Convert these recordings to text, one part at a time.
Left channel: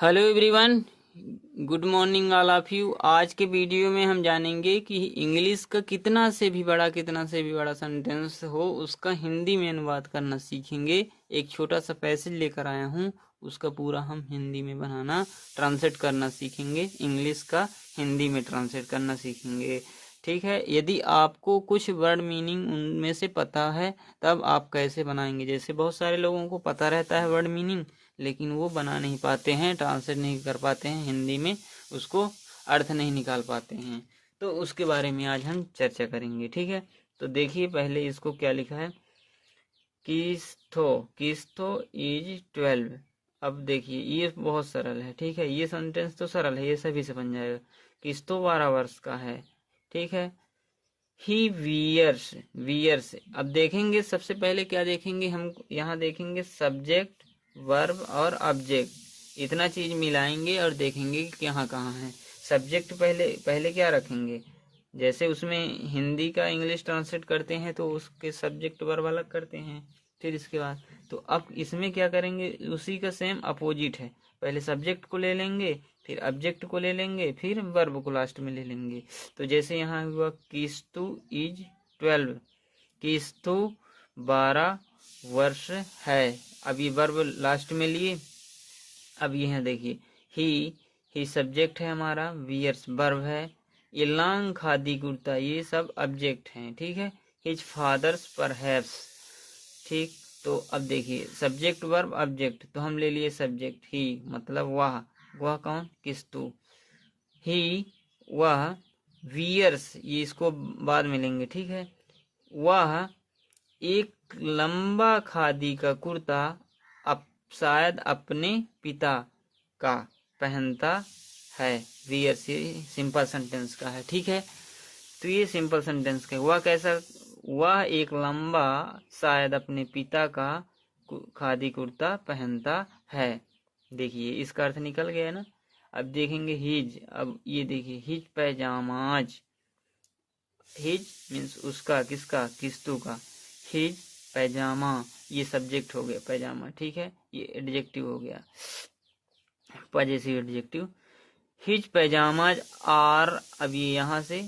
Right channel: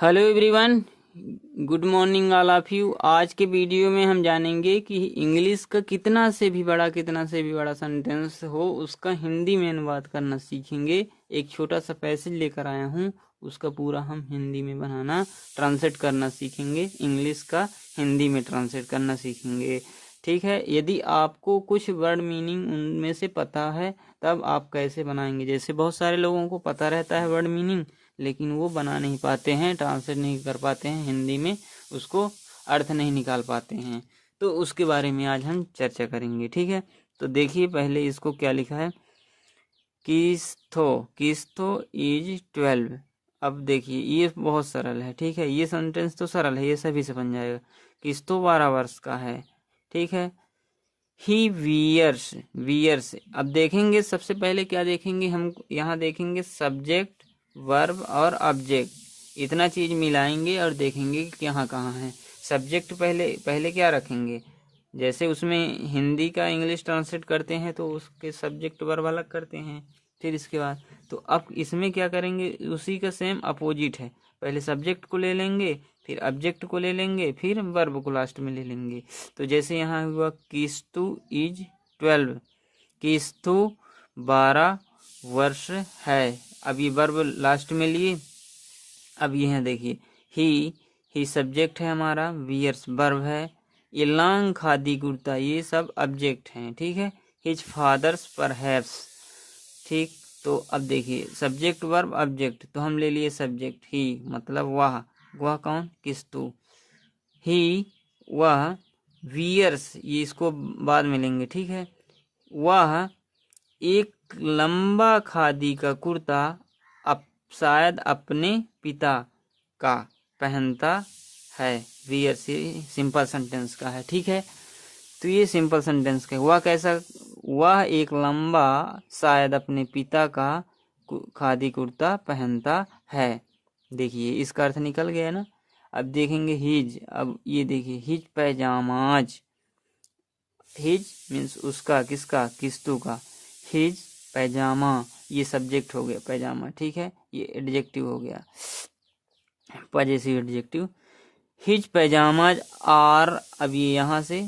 Hello everyone, good morning all of you. आज के video में हम जानेंगे कि इंग्लिश का कितना से भी बड़ा सेंटेंस हो उसका हिंदी में अनुवाद करना सीखेंगे। एक छोटा सा पैसेज लेकर आया हूँ, उसका पूरा हम हिंदी में बनाना ट्रांसलेट करना सीखेंगे। इंग्लिश का हिंदी में ट्रांसलेट करना सीखेंगे, ठीक है। यदि आपको कुछ वर्ड मीनिंग उनमें से पता है तब आप कैसे बनाएंगे। जैसे बहुत सारे लोगों को पता रहता है वर्ड मीनिंग, लेकिन वो बना नहीं पाते हैं, ट्रांसलेट नहीं कर पाते हैं हिंदी में, उसको अर्थ नहीं निकाल पाते हैं। तो उसके बारे में आज हम चर्चा करेंगे, ठीक है। तो देखिए पहले इसको क्या लिखा है, किस्थो किस्थो इज 12। अब देखिए ये बहुत सरल है, ठीक है। ये सेंटेंस तो सरल है, ये सभी से बन जाएगा। किस्थो 12 वर्ष का है, ठीक है। ही वियर्स वियर्स। अब देखेंगे सबसे पहले क्या देखेंगे हम, यहाँ देखेंगे सब्जेक्ट वर्ब और ऑब्जेक्ट, इतना चीज मिलाएंगे और देखेंगे कि कहाँ कहाँ है। सब्जेक्ट पहले पहले क्या रखेंगे, जैसे उसमें हिंदी का इंग्लिश ट्रांसलेट करते हैं तो उसके सब्जेक्ट वर्ब अलग करते हैं। फिर इसके बाद तो अब इसमें क्या करेंगे, उसी का सेम अपोजिट है। पहले सब्जेक्ट को ले लेंगे, फिर ऑब्जेक्ट को ले लेंगे, फिर वर्ब को लास्ट में ले लेंगे। तो जैसे यहाँ हुआ किस्तु इज 12, किस्तु 12 वर्ष है। अब ये वर्ब लास्ट में लिए। अब यह देखिए ही सब्जेक्ट है हमारा, वियर्स वर्ब है, ये लॉन्ग खादी कुर्ता ये सब ऑब्जेक्ट हैं, ठीक है। हिज फादर्स परहैप्स, ठीक। तो अब देखिए सब्जेक्ट वर्ब ऑब्जेक्ट, तो हम ले लिए सब्जेक्ट ही, मतलब वह कौन, किस्तु। ही वह, वियर्स ये इसको बाद में लेंगे, ठीक है। वह एक लंबा खादी का कुर्ता शायद अपने पिता का पहनता है। वियर्स ये सिंपल सेंटेंस का है, ठीक है। तो ये सिंपल सेंटेंस का, वह कैसा, वह एक लंबा शायद अपने पिता का खादी कुर्ता पहनता है। देखिए इसका अर्थ निकल गया ना। अब देखेंगे हिज। अब ये देखिए हिज पैजामाज, हिज मीन्स उसका, किसका, किस्तु का। हिज पैजामा ये सब्जेक्ट हो गया पैजामा, ठीक है। ये एडजेक्टिव हो गया, possessive adjective. His pyjamas are, अब ये यहाँ से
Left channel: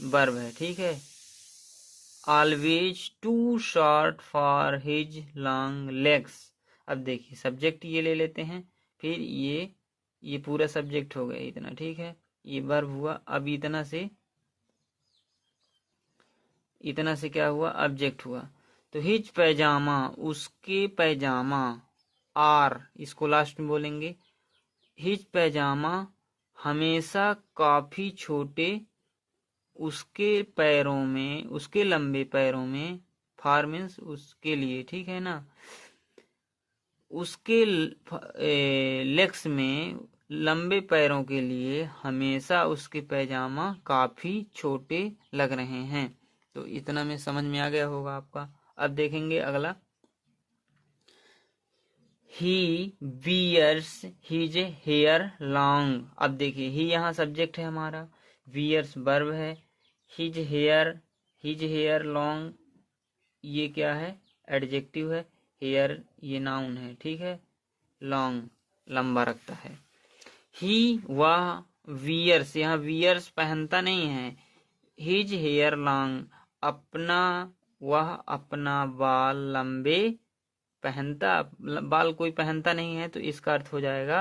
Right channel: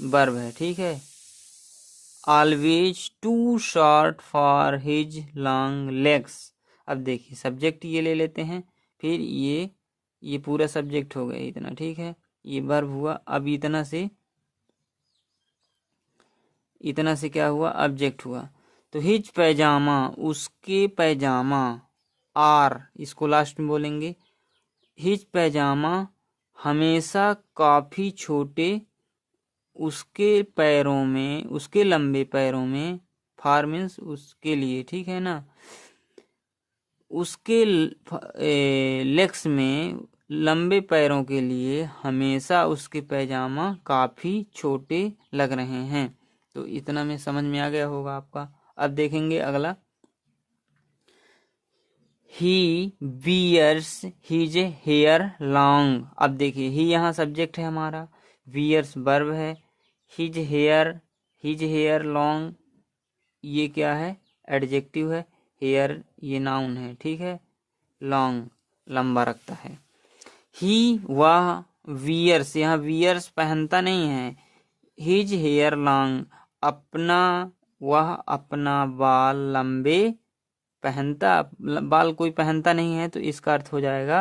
वर्ब है, ठीक है। Always too short for his long legs. अब देखिए सब्जेक्ट ये ले लेते हैं, फिर ये पूरा सब्जेक्ट हो गया इतना, ठीक है। ये वर्ब हुआ। अब इतना से क्या हुआ, ऑब्जेक्ट हुआ। तो हिज पैजामा उसके पैजामा, आर इसको लास्ट में बोलेंगे। हिज पैजामा हमेशा काफी छोटे उसके पैरों में, उसके लंबे पैरों में, फॉर मीन्स उसके लिए, ठीक है ना। उसके लेग्स में, लंबे पैरों के लिए हमेशा उसके पैजामा काफी छोटे लग रहे हैं। तो इतना में समझ में आ गया होगा आपका। अब देखेंगे अगला, ही वियर्स हिज हेयर लॉन्ग। अब देखिए ही यहाँ सब्जेक्ट है हमारा, वियर्स वर्ब है, हिज हेयर लॉन्ग ये क्या है, एडजेक्टिव है। हेयर ये नाउन है, ठीक है। लॉन्ग लंबा रखता है। ही वह, वियर्स यहाँ वियर्स पहनता नहीं है, हिज हेयर लॉन्ग वह अपना बाल लंबे पहनता, बाल कोई पहनता नहीं है तो इसका अर्थ हो जाएगा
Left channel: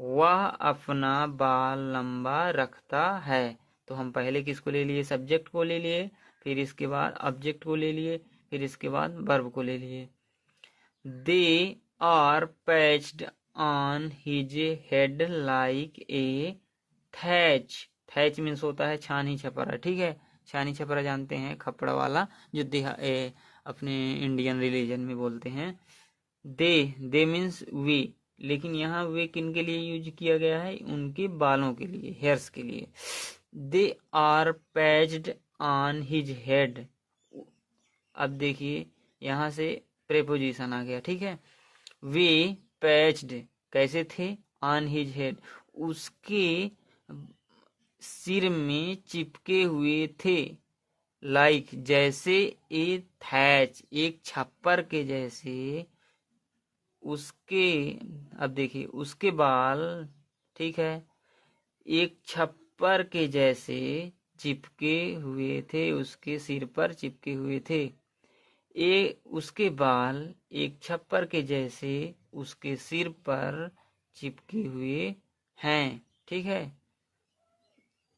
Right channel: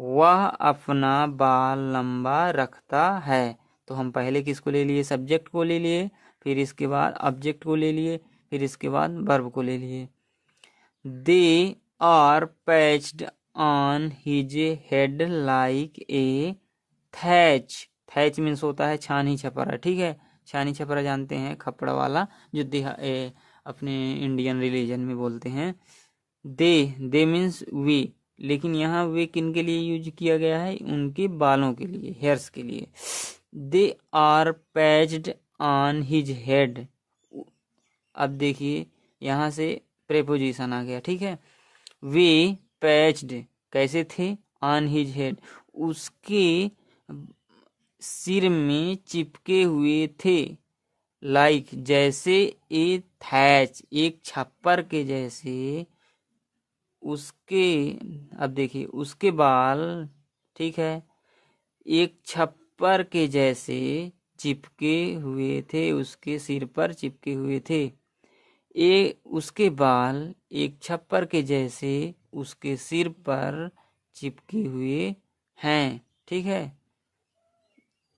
वह अपना बाल लंबा रखता है। तो हम पहले किसको ले लिए, सब्जेक्ट को ले लिए, फिर इसके बाद ऑब्जेक्ट को ले लिए, फिर इसके बाद वर्ब को ले लिए। They are patched on his head like a thatch. Thatch means होता है छानी छपरा, ठीक है। छानी छपरा जानते हैं, खपड़ा वाला जो अपने इंडियन रिलीजन में बोलते हैं। दे मीन्स वे, लेकिन यहाँ वे किन के लिए यूज किया गया है, उनके बालों के लिए, हेयर्स के लिए। They are patched on his head. अब देखिए यहाँ से प्रेपोजिशन आ गया, ठीक है। वे पैच्ड कैसे थे, ऑन हिज हेड उसके सिर में चिपके हुए थे, लाइक जैसे, ए थैच एक छप्पर के जैसे, उसके, अब देखिए, उसके बाल, ठीक है, एक छप्पर के जैसे चिपके हुए थे, उसके सिर पर चिपके हुए थे। उसके बाल एक छप्पर के जैसे उसके सिर पर चिपके हुए हैं। ठीक है,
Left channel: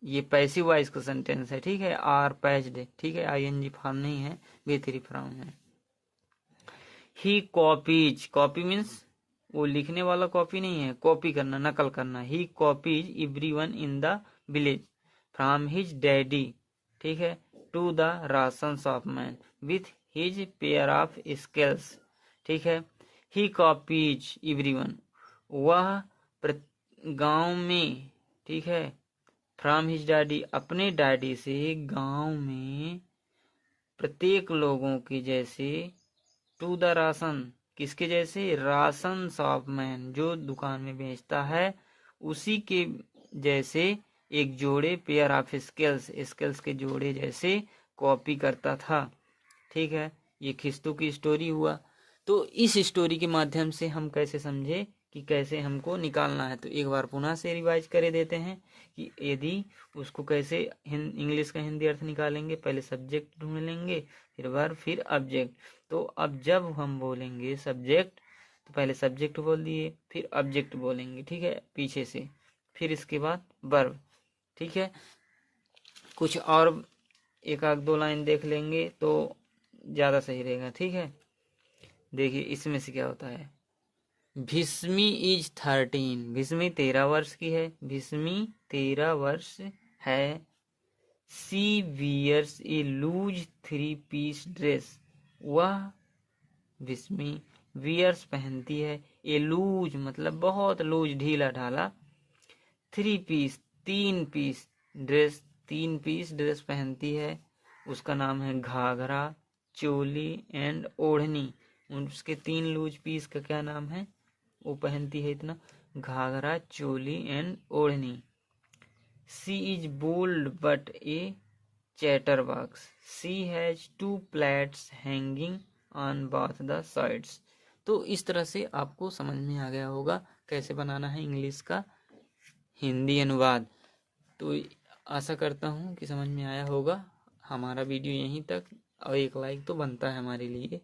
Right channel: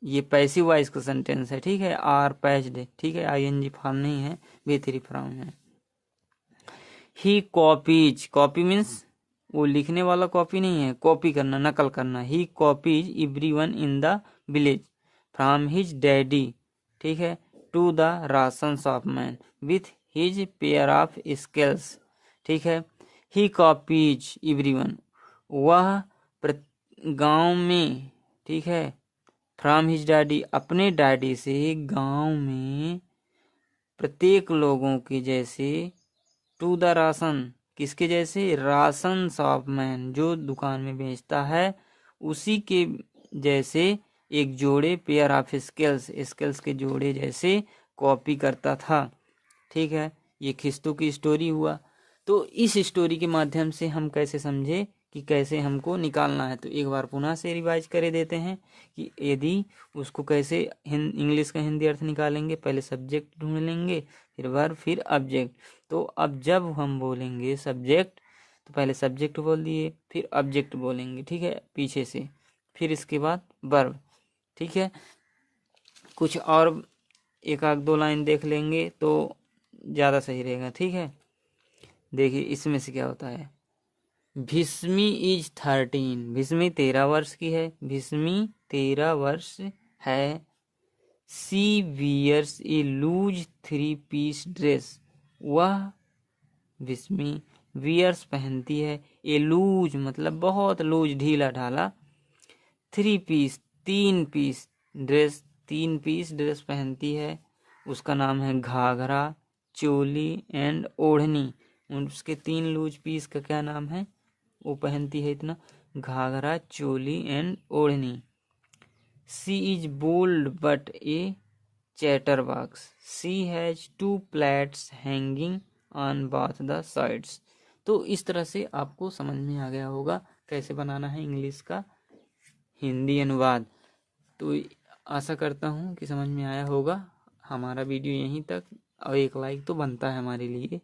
ये पैसिव वॉइस का सेंटेंस है। ठीक है, आर पैच्ड, ठीक है, आईएनजी फॉर्म नहीं है, वे3 फॉर्म है। ही कॉपीज, कॉपी मीन्स वो लिखने वाला कॉपी नहीं है, कॉपी करना, नकल करना। He copies everyone in the village from his daddy, ठीक है, to the ration shop man with his pair of skills. ठीक है, ही कॉपीज एवरीवन, वह गांव में, ठीक है, फ्रॉम हिज डैडी, अपने डैडी से गांव में प्रत्येक लोगों के जैसे, टू द राशन, किसके जैसे, राशन शॉप मैन, जो दुकान में बेचता है, उसी के जैसे एक जोड़े, पेयर ऑफ स्किल्स, स्किल्स के जोड़े जैसे कॉपी करता था। ठीक है, ये खिस्तू की स्टोरी हुआ। तो इस स्टोरी के माध्यम से हम कैसे समझे कि कैसे हमको निकालना है। तो एक बार पुनः से रिवाइज कर देते हैं कि यदि उसको कैसे इंग्लिश का हिंदी अर्थ निकालेंगे। पहले सब्जेक्ट ढूंढ लेंगे, फिर ऑब्जेक्ट। तो अब जब हम बोलेंगे सब्जेक्ट, तो पहले सब्जेक्ट बोल दिए, फिर ऑब्जेक्ट बोलेंगे, ठीक है, पीछे से, फिर इसके बाद वर्ब। ठीक है, कुछ और एक आध दो लाइन देख लेंगे तो ज़्यादा सही रहेगा। ठीक है, देखिए इसमें से क्या होता है। भीष्मी इज 13, भीष्मी 13 वर्ष की है, भीष्मी 13 वर्ष है। सी वियर्स ए लूज 3 पीस ड्रेस, वह भीष्मी वियर्स पहनती है, ए लूज मतलब बहुत लूज, ढीला ढाला, 3 piece 3 piece dress, 3 piece dress पहनती है। उसका नाम है घाघरा, चोली एंड ओढ़नी। उसके 3 लूज पीस का क्या नाम है, वो पहनती है इतना, Ghaghara, choli and odhni. She is bold but a chatterbox, she has 2 plates hanging on both the sides. तो इस तरह से आपको समझ में आ गया होगा कैसे बनाना है इंग्लिश का हिंदी अनुवाद। तो आशा करता हूँ कि समझ में आया होगा। हमारा वीडियो यहीं तक, और एक लाइक तो बनता है हमारे लिए।